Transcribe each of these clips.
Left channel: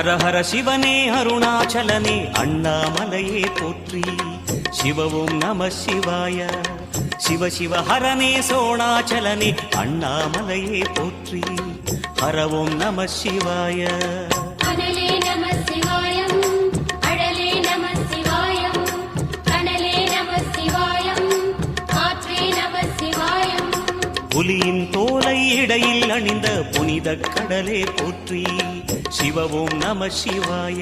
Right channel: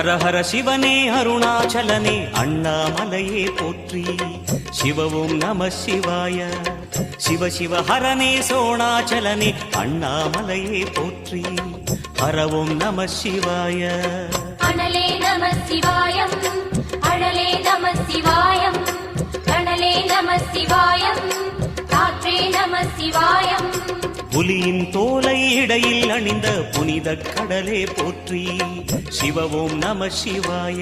ஹர ஹர சிவனே அருணாச்சலனே அண்ணாமலையே போற்றி. சிவவும் நம சிவாய. சிவ சிவ ஹரனே சோணாச்சலனே அண்ணாமலையே போற்றி. ஹரவும் நம சிவாய. அனலே நம சிவாயம், அழலே நம சிவாயம், கனலே நம சிவாயம், காற்றே நம சிவாயம். புலியின் தோலை இடையில் அணிந்த புனித கடலே போற்றி. சிவவும் நம சிவாய.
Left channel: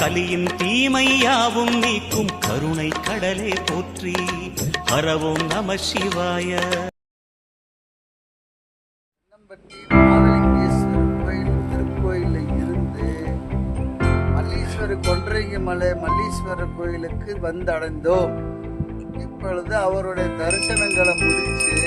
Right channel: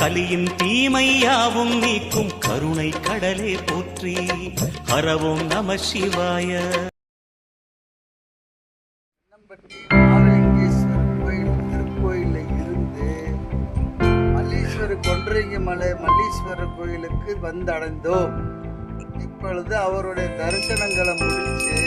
கலியின் தீமையாவும் நீக்கும் கருணை கடலே போற்றி. ஹரவும் நம சிவாய. திருக்கோயிலில் இருந்து மல்லீஸ்வரர் கொன்றைங்கி மலை மல்லீஸ்வரர் கோயிலுக்கு வந்தடைந்தோம். இப்பொழுது அவருடைய தரிசனங்களை முடிச்சு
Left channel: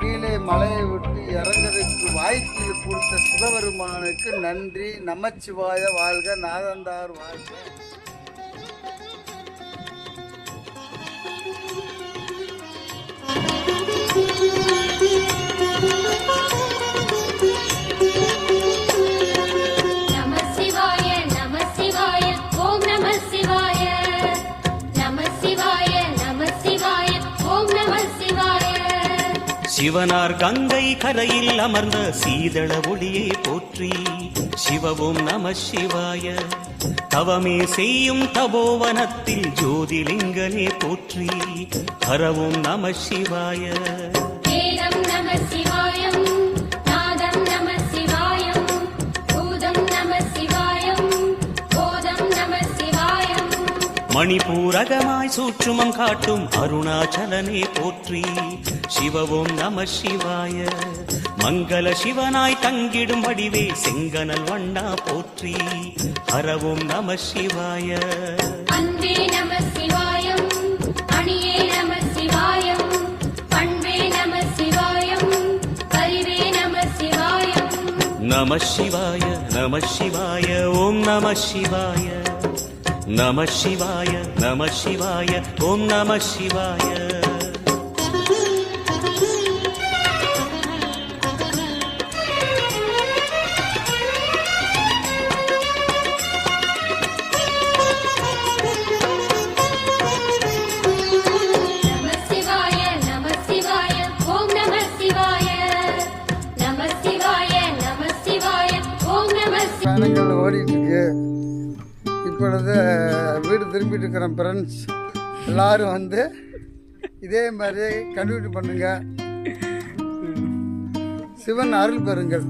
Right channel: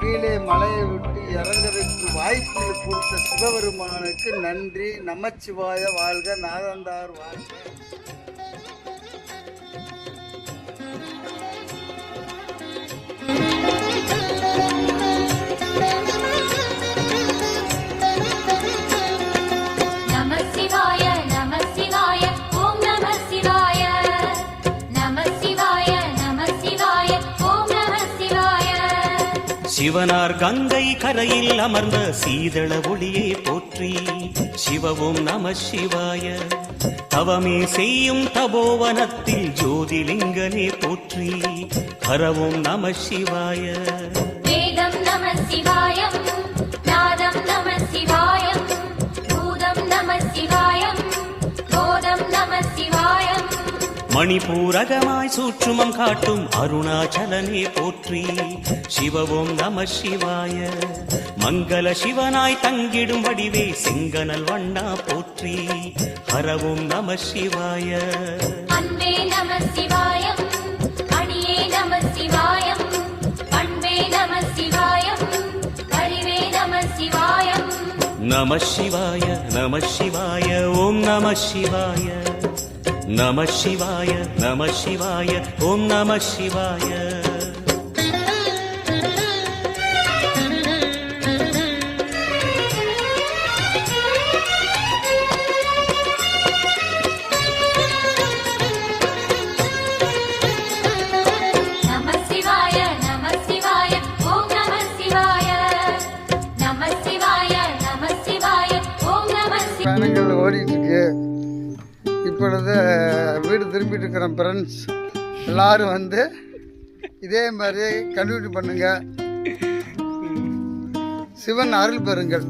கீழே மலையை விட்டு இறங்குறதுக்கு வாய்ப்பு கொடுத்த சிவபெருமானுக்கு நன்றி. நமச்சிவாய வாழ்க, நாதந்தார் வாழ்க. சிவனார் கங்கை கரையில் அமர்ந்த சீதள ஒளியை போற்றி. சிவவும் நம சிவாய. தவமே செய்யும் தபோவனத்தில் ஜோதிலிங்கனே போற்றி. ஹரவும் நம சிவாய. வேதம் நம சிவாயம், நாதம் நம சிவாயம், பூதம் நம சிவாயம், போதம் நம சிவாயம். மணிபூரகமாய் சூற்றுமம் காட்டும் அருணாச்சலனே போற்றி. சிவவும் நம சிவாய. மங்கள சிவனாய் தங்கிடும் வடிவே செங்கனல் வண்ணா போற்றி. ஹரவும் நம சிவாய. அன்பே நம சிவாயம், அணியே நம சிவாயம், அன்பே நம சிவாயம், அறிவே நம சிவாயம். நம சிவாய நம சிவாய ஓம் நம சிவாய. நம சிவாய நம சிவாய ஓம் நம சிவாய. பயணங்கள் ஓடிட்டுருக்கு. இப்பொழுது வீடு திரும்பிட்டு இருக்கிறோம் ஃப்ரெண்ட்ஸ். எல்லோரும் வந்து இதே மாதிரி கண்டினியூ பண்ணுங்கள். சிவன் அருள் பெறுங்கள்.